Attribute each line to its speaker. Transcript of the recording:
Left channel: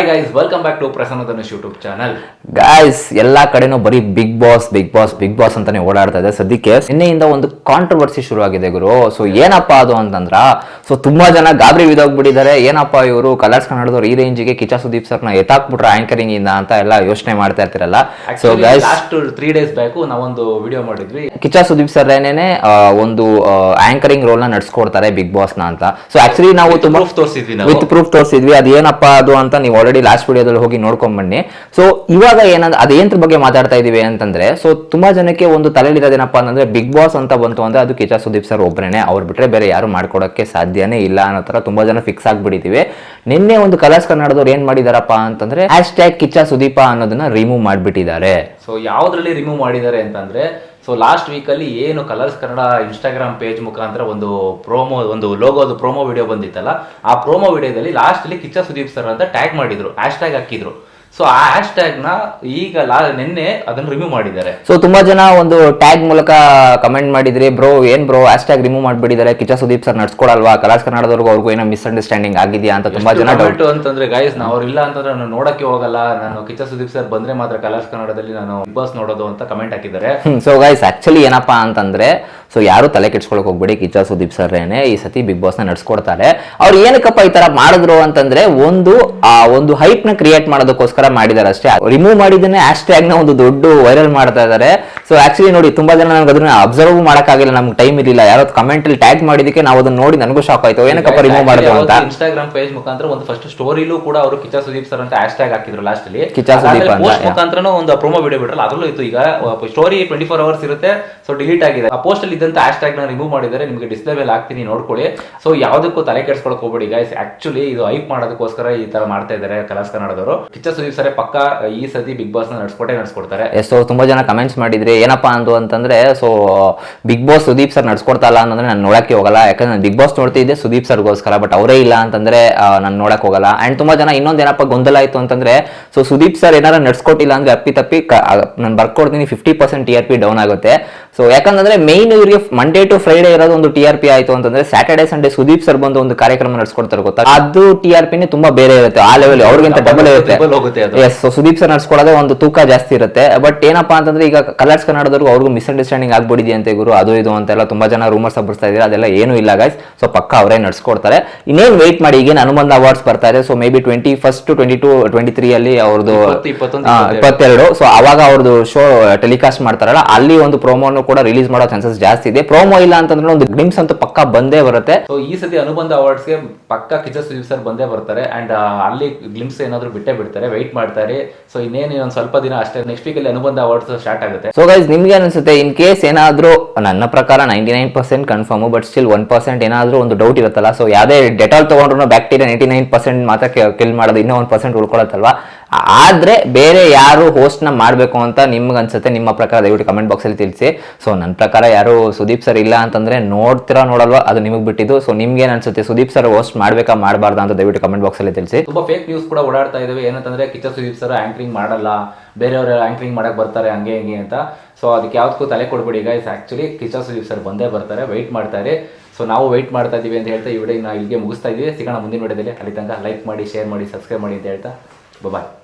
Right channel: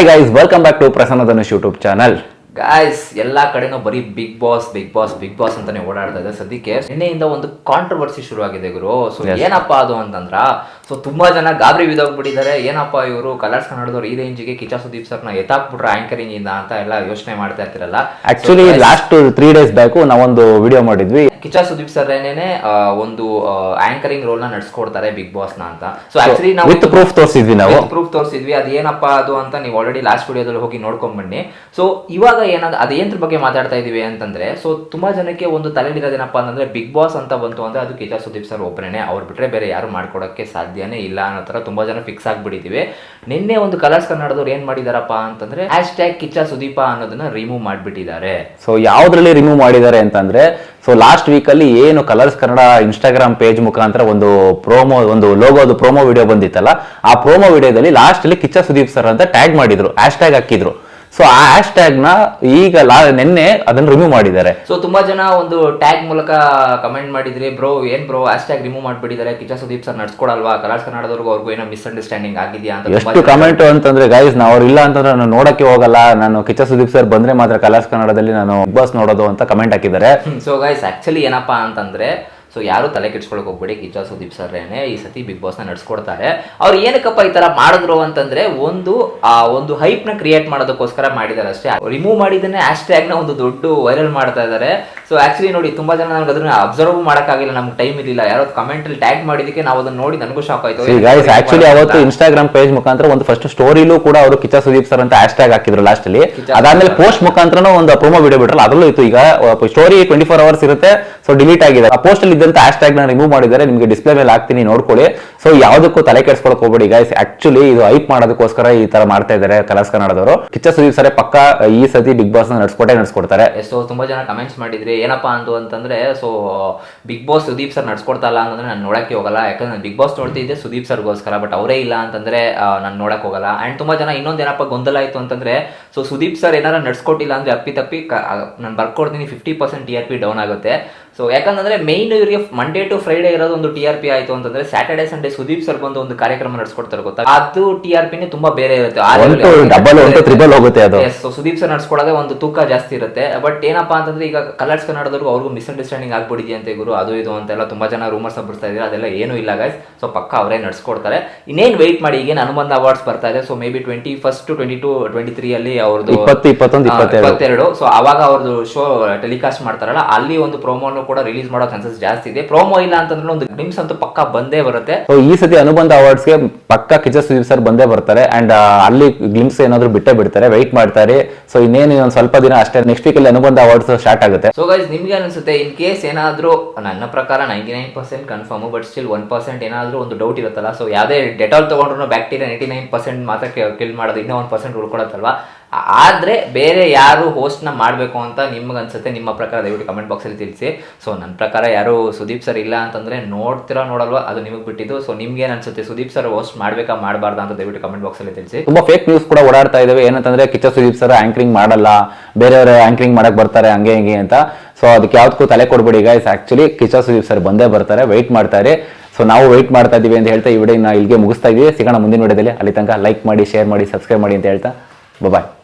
Speaker 1: Hi guys welcome back to Prasanna Dhanush YouTube channel
Speaker 2: guys ಎಲ್ಲಾ ಕಡೆನೂ ಬರೀ Bigg Boss Bigg Boss Bigg Boss ಅಂತಾನೆ ಓಡಾಡ್ತಾ ಇದೆ. ಸದ್ಯಕ್ಕೆ ನಿನ್ನೆಯಿಂದ ಒಂದು ಕಾಂಟ್ರವರ್ಸಿ ಶುರು ಆಗಿದೆ ಗುರು ಸೊ ಏನಪ್ಪಾ ಅದು ಅಂತಂದ್ರ ಸೊ ತುಂಬಾ ಜನ ಗಾಬರಿ ಬಿದೋಗ್ಬಿಟ್ಟಿದ್ದಾರೆ ಏನಪ್ಪಾ ಇವರು? ಕಲರ್ಸ್ ಕನ್ನಡದವ್ರು ಈ ರೇಂಜ್ಗೆ ಕಿಚಾ ಸುದೀಪ್ ಸರ್ನ ಎತ್ತಾಕ್ಬಿಟ್ರು ಆಂಕರಿಂಗ್ ಇಂದ ಅಂತ ಎಲ್ಲ ಯೋಚನೆ ಮಾಡ್ತಾ ಇರ್ತಿರಲ್ಲ.
Speaker 1: Actually last three days back ನಾವೊಂದು ವಿಡಿಯೋ ಮಾಡಿದ್ವಿ.
Speaker 2: ಕಿಚಾ ಸುದೀಪ್ ಸರ್ ಏನೇನೆ ಒಂದು ಆಂಕರಿಂಗ್ ರೋಲ್ನ ನಡ್ಸ್ಕೊಡ್ತಾರೆ ಬಿಗ್ ಬಾಸ್ನ ಅಂತ. ಸೊ ಆಕ್ಚುಲಿ ನಾವು
Speaker 1: ಪ್ರೂಫ್ ತೋರಿಸಿದ್ವಿ ನಾವು.
Speaker 2: ವಿತ್ ಪ್ರೂಫ್ ತೋರಿಸಿದ್ವಿ. ಅದೇನಪ್ಪ ಅದು ಅಂತ ನೀವು ಆಲ್ರೆಡಿ ಲಾಸ್ಟ್ ವಿಡಿಯೋದಲ್ಲಿ ಹೋಗಿ ನೋಡ್ಕೊಂಡ್ ಬನ್ನಿ. ಸೊ ಇವಾಗ ಏನಂದ್ರೆ ಅದೇಂದ್ರ ಬಗ್ಗೆ ಮಾತಾಡ್ತಾ ಇದೀವಿ ಅಂತಂದ್ರೆ ಸೊ ತುಂಬಾ ಜನಕ್ಕೆ ಒಂದು ತಲೆಯಲ್ಲಿರೋದೇನಪ್ಪ ಅಂತಂದ್ರೆ ಬಿಗ್ ಬಾಸ್ ಅಂತ ಬಂತು ಅಂದ್ರೆ ಅದು ಕಿಚಾ ಸುದೀಪ್ ಸರ್ ಒಬ್ಬರೇನೆ ಅವ್ರು ಬಿಟ್ರೆ ಬೇರೆ ಯಾರು ಮಾಡ್ಕೊಡಕ್ಕೆ ಸಾಧ್ಯನೇ ಇಲ್ಲ ಅನ್ನೋ ತರ ತುಂಬಾ ಜನ ಫಿಕ್ಸ್ ಆಗ್ಬಿಟ್ಟಿದೀವಿ. ನಿನ್ನೆ ಒಂದು ಕಲರ್ಸ್ ಕನ್ನಡದವ್ರು ಏನ್ ಮಾಡಿದಾರಪ್ಪ ಅಂತಂದ್ರೆ ಹ್ಯಾಶ್ ಟ್ಯಾಗ್ ಕಿಚ್ಚ ಸುದೀಪ ಅನ್ನೋದನ್ನ ರಿಮೂವ್ ಮಾಡ್ಬಿಟ್ಟಿದ್ದಾರೆ.
Speaker 1: ಸೊ ಯಾವ್ದ್ರಲ್ಲಿ ರಿಮೂವ್ ಮಾಡಿದ್ದಾರೆ ಅಂತಂದ್ರೆ ಸೊ ಲಾಸ್ಟ್ ವೀಕ್ ಅಲ್ಲಿ ಏನು ಕಲರ್ಸ್ ಕನ್ನಡ ಇನ್ಸ್ಟಾಗ್ರಾಮ್ ಪೇಜ್ ಮುಖಾಂತರ ಒಂದು ಪ್ರೋಮೋ ಒಂದು ಲೋಗೋದು ಪ್ರೋಮೋ ವಿಡಿಯೋ ಬಂದಿತ್ತಲ್ಲ, ಆ ಪ್ರೋಮೋ ವಿಡಿಯೋದಲ್ಲಿ ಲಾಸ್ಟ್ ಅಲ್ಲಿ ಕಿಚ್ಚ ಸುದೀಪ್ ಸರ್ ಅಂತ ಟ್ಯಾಗ್ ಮಾಡಿದ್ರು ಹ್ಯಾಶ್ ಟ್ಯಾಗ್ ಹಾಕಿದ್ರು. ಸೊ ಆ ಹ್ಯಾಶ್ ಟ್ಯಾಗ್ನ ಈಗ ಲಾ ನಿನ್ನೆ ಅದನ್ನ ರಿಮೂವ್ ಮಾಡಿದ್ದಾರೆ.
Speaker 2: ಸೊ ತುಂಬಾ ಜನ ಒಂದು ಟ್ಯಾಗ್ ಮೂಲಕ ಕಮೆಂಟ್ ಮಾಡಿದ್ರಿ ಬ್ರೋ ಏನ್ ಬ್ರೋ ಹ್ಯಾಶ್ ಟ್ಯಾಗ್ ರಿಮೂವ್ ಮಾಡ್ಬಿಟ್ಟಿದ್ದಾರೆ. ಕಿಚ್ಚ ಸುದೀಪ್ ಸರ್ ನಡ್ಸ್ಕೊಡಲ್ವಾ? ಕಲಾಸ್ ಕನ್ನಡದವ್ರಿಗೂ ಅವ್ರಿಗೂ ಏನೋ ಮಿಸ್ಅಂಡರ್ಸ್ಟ್ಯಾಂಡಿಂಗ್ ಆಗಿದೆಯಾ? ಅಂತ ತುಂಬಾ ಜನ
Speaker 1: ಕಮೆಂಟ್ ಅಂತಂದ್ರೆ ಗೈಸ್ ನಾವು ಅವ್ರು ಇಲ್ಲ ಅಂತಂದ್ರೆ ನಾನು ನೋಡಕ್ಕೆ ಹೋಗಲ್ಲ. ನಾನು ಕಿಚ್ಚ ಸುದೀಪ್ ಸರ್ ಬಂದ್ರೆ ಮಾತ್ರ ಕಲಾಸ್ ಕನ್ನಡದಲ್ಲಿ ನಾನು ಬಿಗ್ ಬಾಸ್ ನೋಡೋದು ಅಂತ ಕಮೆಂಟ್ ಹಾಕಿದ್ದಾರೆ.
Speaker 2: ಸೊ ಗೈಸ್ ಆಕ್ಚುಲಿ ಏನಪ್ಪಾ ಅಂತಂದ್ರೆ ಸೊ ಯಾರು ತಲೆ ಕೆಡ್ಸ್ಕೊಳಕ್ ಹೋಗ್ಬೇಡಿ. ಕಿಚ್ಚ ಸುದೀಪ್ ಸರ್ ಏನೇ ಈ ಸತಿ ಬಿಗ್ ಬಾಸ್ನ ನಡ್ಸ್ಕೊಡ್ತಾರೆ. ಅವ್ರು ಏನಕ್ಕಪ್ಪ ಈ ತರ ಮಾಡಿದ್ರು ಅಂತಂದ್ರೆ ಒಂದು ಆ ಒಂದು ಹೈಪ್ನ ಕ್ರಿಯೇಟ್ ಮಾಡೋದಕ್ಕೋಸ್ಕರ ಮಾಡಿದಾರೆ ಅಷ್ಟೇ. ರಿಮೂವ್ ಮಾಡಿದ್ದನ್ನೇ ಹ್ಯಾಶ್ ಟ್ಯಾಗ್ನ ಒಂದು ದೊಡ್ಡ ವೈರಲ್ ಮಾಡ್ತಾ ಇದಾರೆ. ಸೊ ಆಕ್ಚುಲಿ ನೋಡಿ ತುಂಬಾ ಜನ ನನಗೆ ಅದನ್ನ ಅಬ್ಸರ್ವ್ ಮಾಡಕ್ಕಾಗಿಲ್ಲ. ನಮ್ಗೆ ಟೈಮ್ ಇರಲಿಲ್ಲ. ಯಾರೋ ಕಮೆಂಟ್ ಅಲ್ಲಿ ಟ್ಯಾಗ್ ಮಾಡಿದಕ್ಕೆ ನಾವು ಅದನ್ನ ನೋಡಿ ನನಗೂ ಶಾಕ್ ಆಯ್ತು.
Speaker 1: ಇನ್ಸ್ಟಾಗ್ರಾಮ್ ಪೇಜ್ ಮುಖಾಂತರ ಒಂದು ಫಸ್ಟ್ ಸ್ಟೋರಿಲೂ ಕೂಡ ಅವರು ಕಿಚ್ಚ ಸುದೀಪ್ ಸರ್ ಅಂತ ಹ್ಯಾಶ್ ಟ್ಯಾಗ್ ಹಾಕಿದ್ರು ಲಾಸ್ಟ್ ಅಲ್ಲಿ. ಅದಾದ್ಮೇಲೆ ಪೋಸ್ಟ್. ಮುಖಾಂತರ ಒಂದು ಪ್ರೊಮೋ ವಿಡಿಯೋ ಬಿಟ್ರಲ್ಲ ಅದರಲ್ಲೂ ಇತ್ತು. ಈಗ ಸ್ಟೋರಿ ಟ್ವೆಂಟಿ ಫೋರ್ ಅವರ್ಸ್ ಇರುತ್ತೆ. ಸೊ ಡಿಲೀಟ್ ಆಗಿದೆ. ಆ ಪೋಸ್ಟ್ ಅಲ್ಲಿ ಇದ್ದಂತ ಹ್ಯಾಶ್ ಟ್ಯಾಗ್ನ ರಿಮೂವ್ ಮಾಡಿದ್ದಾರೆ, ನಿಮಗೆ ಡಿಸ್ಪ್ಲೇ ಮೇಲೆ ಹಾಕ್ತೀನಿ, ನೋಡ್ಕೊಳ್ಳಿ. ಸೊ ಯಾವುದಕ್ಕೂ ತಲೆ ಕೆಡ್ಸ್ಕೊಳಕ್ ಹೋಗ್ಬೇಡಿ ಗೈಸ್ ಆಕ್ಚುಲಿ ಇದು ಹೈಪ್ ಮಾಡೋದಕ್ಕೋಸ್ಕರ ಈ ತರ ಮಾಡ್ತಾ ಇದ್ದಾರೆ ಕಲರ್ಸ್ ಕನ್ನಡದವರು. ಕಿಚ್ಚ ಸುದೀಪ್ ಸರ್ ಪಕ್ಕ ಈ ಸತಿ ಬಿಗ್ ಬಾಸ್ನ ನಡ್ಸ್ಕೊಟ್ಟೆ ನಡ್ಸ್ಕೊಡ್ತಾರೆ.
Speaker 2: ಸೊ ತುಂಬಾ ಜನ ಕಮೆಂಟ್ಸ್ ಮಾಡಿದ್ರೆ, ಏನಪ್ಪಾ ಅಂದು ಅಂತಂದ್ರೆ so Bigg Boss Sudeep sir ನಡ್ಸ್ಕೊಡ್ತಾ ಇಲ್ಲ ಅಂತಂದ್ರೆ ನಾನು ನೋಡಕ್ಕೆ ಹೋಗಲ್ಲ. ಯಾಕಂದ್ರೆ ನಾನು ಬಿಗ್ ಬಾಸ್ ನೋಡ್ತಿದ್ದೆ ಸುದೀಪ್ ಸರ್ಗೋಸ್ಕರ ಬಟ್ ಅವರೇ ಇಲ್ಲ ಅಂತಂದ್ರೆ ನಾನು ನೋಡಕ್ ಹೋಗಲ್ಲ. ಅಂಡ್ ತುಂಬಾ ಜನ ಇನ್ನೊಂದು ಏನಪ್ಪ ಗೊಂದಲ ಆಯ್ತು ಅಂತಂದ್ರೆ ಸೊ ಸುದೀಪ್ ಸರ್ ಏನಾರ ನಡ್ಸ್ಕೊಟ್ಟಿಲ್ಲ ಅಂದ್ರೆ ಅಪ್ಪಿ ತಪ್ಪಿ ನಾನು ಬರ್ಕೊಡ್ತೀನಿ fifty percent T R P down ಆಗುತ್ತೆ. ಸೊ ಯಾಕಂದ್ರೆ ಮೇನ್ ಇವರಿಗೆ ಮಂಡೇ ಟು ಫ್ರೈಡೆ ಇರೋದು ಒಂದು ಟಿ ಆರ್ ಪಿ ಆಯ್ತು ಅಂತಂದ್ರೆ ಸ್ಯಾಟರ್ಡೆ ಸಂಡೇ ಸುದೀಪ್ ಸರ್ ಬಂದು ಒಂದು ಕಾರ್ಯಕ್ರಮ ನಡೆಸ್ಕೊಡ್ತಾರೆ ಗೊತ್ತಾ? ಅದು ಟಿ ಆರ್ ಪಿನೇ ತುಂಬಾ ಬೇರೆ ಇರುತ್ತೆ. ಆ
Speaker 1: ಹೋಗುತ್ತೆ,
Speaker 2: ಸುದೀಪ್ ಸರ್ ನಡ್ಸ್ಕೊಳ್ಳೋದೇ ಒಂದು ತೂಕ ಜಾಸ್ತಿ ಇರುತ್ತೆ. ಬಟ್ ಏನಪ್ಪಾ ಅಂತಂದ್ರೆ ಈಗ ಕಲರ್ಸ್ ಕನ್ನಡದವ್ರು ಅವ್ರಿಗೂ ಮಿಸ್ಅಂಡರ್ಸ್ಟ್ಯಾಂಡಿಂಗ್ ಆಗ್ಬಿಡಿದೆ ಅಂತ ಗುರು ಅದು ಇದು ಅಂತೆಲ್ಲ ತುಂಬಾ ಜನ ರೂಮರ್ಸ್ ಬರ್ತಾ ಇದ್ದಾರೆ. ಅದೆಲ್ಲ ಏನು ಇಲ್ಲ ಗೈಸ್ ಸೊ ಪಕ್ಕ ಅವರೇ ನಡ್ಸ್ಕೊಡ್ತಾರೆ. ಇನ್ನೇನು ವೇಟ್ ಮಾಡಿ ಈಗ ಹನುಮಂತ ಅವಾರ್ಡ್ಸ್ ಬರ್ತಾ ಇದೆ. So maybe twenty first twenty two twenty three ಅಲ್ಲಿ ಅವ್ರದ್ದು
Speaker 1: ಇಪ್ಪತ್ತು, ಇಪ್ಪತ್ತೊಂದು, ಇಪ್ಪತ್ತೆರಡು.
Speaker 2: ಇಪ್ಪತ್ತೆರಡು. ಸೊ ಅವಾಗ ಅವ್ರದ್ದು ಶೋ ಟೆಲಿಕಾಸ್ಟ್ ಮಾಡ್ತಾರಲ್ಲ ಅಲ್ಲಿ ಒಂದು ಪ್ರೋಮೋನು ಕೂಡ ರಿಲೀಸ್ ಮಾಡೋ ಚಾನ್ಸಸ್ ಜಾಸ್ತಿ ಇದೆ. ಪ್ರೋಮೋ ಇಲ್ಲ ಅಂತಂದ್ರೆ ಒಂದು ಗ್ಲಿಮ್ಸ್ ಅಂತ ಪಕ್ಕ ಬಂದೇ ಬರುತ್ತೆ.
Speaker 1: ಸೊ ಈ ಸತಿ ಅನುಬಂಧ ಅವಾರ್ಡ್ಸ್ಗೆ ಪಕ್ಕ ಕಿಚ್ಚ ಸುದೀಪ್ ಸರ್ ಬಂದೇ ಬರ್ತಾರೆ. ಅಂಡ್ ಅಲ್ಲಿ ಗ್ಲಿಮ್ಸ್ ಏನಾದ್ರು ಬಿಟ್ಟೇ ಬಿಡ್ತಾರೆ. ವೈಟ್ ಮಾಡ್ತಾರೆ. ಸೊ ಇನ್ನೇನು ಒಂದ್ ಸ್ವಲ್ಪ ದಿನ ಅಷ್ಟೇ ನೆಕ್ಸ್ಟ್ ವೀಕ್ ಅಲ್ಲಿ ಅನುಬಂಧ ಅವಾರ್ಡ್ಸ್ ಸ್ಟಾರ್ಟ್ ಆಗುತ್ತೆ.
Speaker 2: ಸೊ ಗೈಸ್ ನಿಮ್ಗೆ ಅನ್ಸುತ್ತೆ ಇನ್ ಕೇಸ್ ಏನಾದ್ರೂ, ನನ್ನ ಪ್ರಕಾರ ninety nine percent confirm but still one percent ಏನಾದ್ರೂ ಒಂದು ಡೌಟ್ ಇರುತ್ತಲ್ಲ. ಸೊ ಯಾವ್ದೇ ಡೆಟಾಲ್ ತಗೊಂಡ್ರು ಬ್ಯಾಕ್ಟೀರಿಯಾ ನೈಂಟಿ ನೈನ್ ಪರ್ಸೆಂಟ್ ಮಾತ್ರ ಕಿಲ್ ಮಾಡೋದು, ಇನ್ನೂ ಒನ್ ಪರ್ಸೆಂಟ್ ಉಳ್ಕೊಳತ್ತಲ್ವಾ ಆದ್ರೆ ಬೇರೆ ಯಾರು ಹೋಸ್ಟ್ನ ಮಾಡಬೇಕು ಅಂತ ನಿಮ್ಗೆ ಅನ್ಸುತ್ತೆ ನಿಮ್ಮ ಪ್ರಕಾರ ದಯವಿಟ್ಟು ಕಮೆಂಟ್ ಬಾಕ್ಸಲ್ಲಿ ತಿಳಿಸಿ. ಸೊ ನನ್ನ ಪ್ರಕಾರ ಯಾರು ಸುದೀಪ್ ಸರ್ ಇಲ್ಲ ಅಂತಂದರೆ ನೋಡ್ತೀರಾ ನೋಡಲ್ವಾ, ಅದು ನಿಮಗೆ ಬಿಟ್ಟಿದ್ದು. ಸೊ ನಿಮ್ಗೆ ಏನು ಅನ್ಸುತ್ತೆ, ಸುದೀಪ್ ಸರ್ ಹೋಸ್ಟ್ ಮಾಡಬೇಕಾ ಮಾಡಬಾರ್ದಾ ಅಂತ ದಯವಿಟ್ಟು ಕಮೆಂಟ್ ಬಾಕ್ಸಲ್ಲಿ ತಿಳಿಸಿ.
Speaker 1: ತುಂಬ ಫೇಕ್ ನ್ಯೂಸ್ ಕೂಡ ಓಡಾಡ್ತಾ ಇದ್ದಾವೆ ಏನಂತಂದ್ರೆ ಕಿಚ್ಚ ಸುದೀಪ್ ಸರ್ ಆ್ಯಂಕ್ರಿಂಗ್ ಮಾಡಲ್ಲ, ಬೇರೆಯವರು ಆ್ಯಂಕ್ರಿಂಗ್ ಮಾಡಕ್ಕೆ ಬರ್ತಾರೆ, ಹಂಗೆ ಹಿಂಗೆ ಅಂತ. ಸೊ ಅದಕ್ಕೆ ಯಾವ್ದಕ್ಕೂ ತಲೆ ಕೊಡ್ಬಿಡಿ guys actually Kichcha Sudeep sir ಬಂದೇ ಬರ್ತಾರೆ ವೆಯ್ಟ್ ಮಾಡ್ತಾರೆ ಸೊ ನಾವು ವೆಯ್ಟ್ ಮಾಡ್ತಾ ಇದ್ದೀವಿ ಅಂತ ಹೇಳ್ತಾ ಈ ವಿಡಿಯೋ ಇಲ್ಲಿಗೆ ಮುಗಿಸ್ತಾ ಇದೀವಿ ಸಿಗೋಣ ಮುಂದಿನ ವಿಡಿಯೋದಲ್ಲಿ ಅಲ್ಲಿ ತನಕ ಲೈಕ್ ಮಾಡಿ ಶೇರ್ ಮಾಡಿ ಸಬ್ಸ್ಕ್ರೈಬ್ ಮಾಡಿ ಅಂತ ಹೇಳ್ತಾ. ಬಾಯ್